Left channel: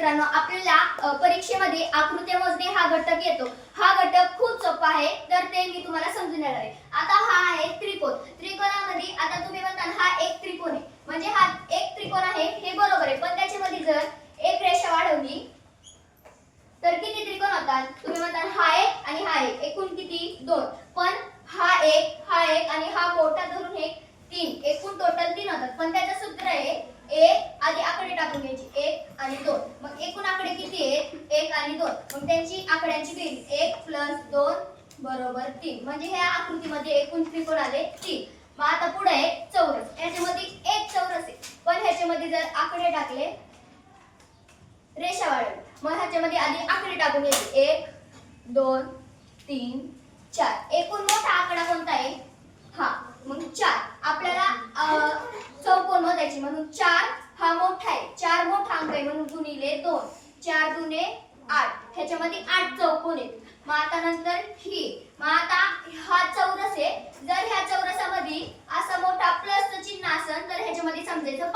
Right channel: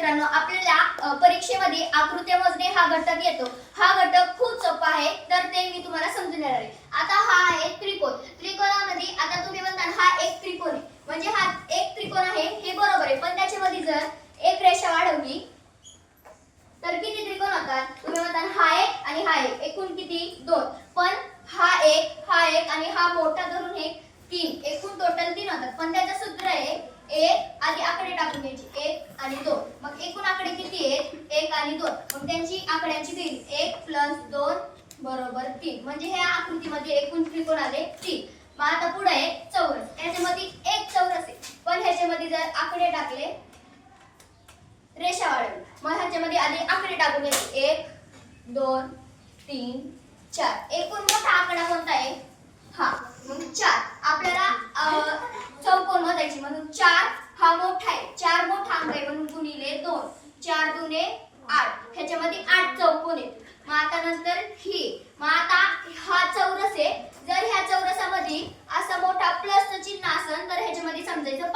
मित्रांनो, आपल्याला परीक्षेमध्ये आकृत्या मोजणे हा घटक येतो. हा घटक खूप सोपा आहे, तर ते मी तुम्हाला समजून देणार आहे. आता हा आहे त्रिकोण. त्रिकोणामध्ये आता तुम्ही म्हणता हा एक त्रिकोण आहे, म्हणजे हा एक त्रिकोण आहे हे बरोबर आहे, पण त्याच्यामध्ये जर एक रेषा वाढवली तर किती त्रिकोण होतात? तुम्ही म्हणता हा एक आणि हा एक, एकूण किती? 2. पण हा एक आणि हा मोठा धरून हे 3, एकूण टोटल 3 होतात. पण त्याचं सूत्र आहे 1 आधी आकडे टाकून घ्यायचे, 1 आणि 2. मग एकूण आकडे किती आहेत? 1 आणि 2. मग त्यांची आकड्यांची बेरीज 1 + 2 = 3. म्हणजे ह्या आकृतीमध्ये एकूण त्रिकोण आले 3. मग आता पुढे आहे चौरस. याच्यामध्ये एक चौरस आहे, पण ह्याच्यामध्ये जर आकडे टाकले, रेषा वाढवली, मग ह्याच्यामध्ये आधी आकडे टाकून घ्यायचे 1 2 3 4. एकूण मोठा आकडा कोणता आहे? हा. मग 4. आपल्याला चौकोन मोजायचे म्हणून 4 हा मोठा आहे. 4 मोठा अंक आहे म्हणून गुणिले 2. 4 दुने 8. ह्याच्यामध्ये 8 चौकोन आहेत. मग आता नंतर ही. मग आता हा चौरस आहे. जर ह्या चौरसामध्ये असा मोठा प्लसचं चिन्ह असेल तर ह्याच्यामध्ये समजायचं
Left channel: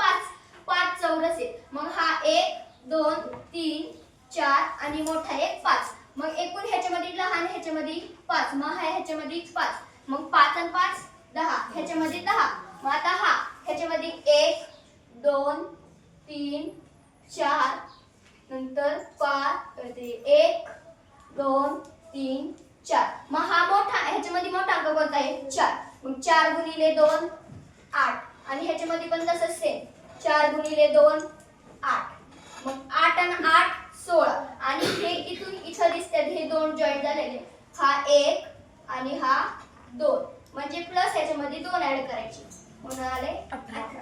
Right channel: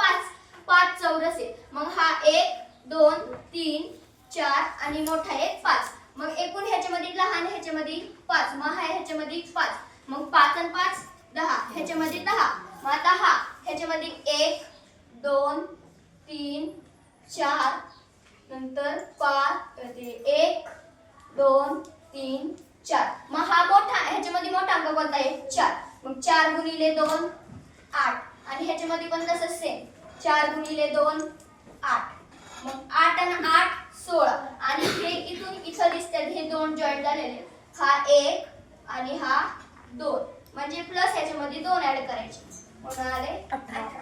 5 चौरस आहे. मग हा 1 2 3 4 आणि मोठा आहे 5. मग एकूण ह्याच्यामध्ये लहान ह्याच्यामध्ये 5. मग हा ह्याच्यामध्ये 5. मग 5 आणि 5 10. ह्याच्यामध्ये 10. मग आता हा ह्याच्यामध्ये 1 2 3 4 नंतर 5 1 2 3 4. मग हा मोठा ह्याच्यामध्ये मोठा अंक कोणता आहे? 4. मग 4 गुणिले 2 8. आणि ह्याच्यामध्ये पण तसंच सेम 4 गुणिले 2 8. मग 8 आणि 8 16. आणि हे इथून इथं दिसतात हे दोन जॉईंट झालेले. हा 1 आणि हा 2. म्हणजे प्लस ह्याच्यामध्ये 2 ऍड करायचे. मग आले 18.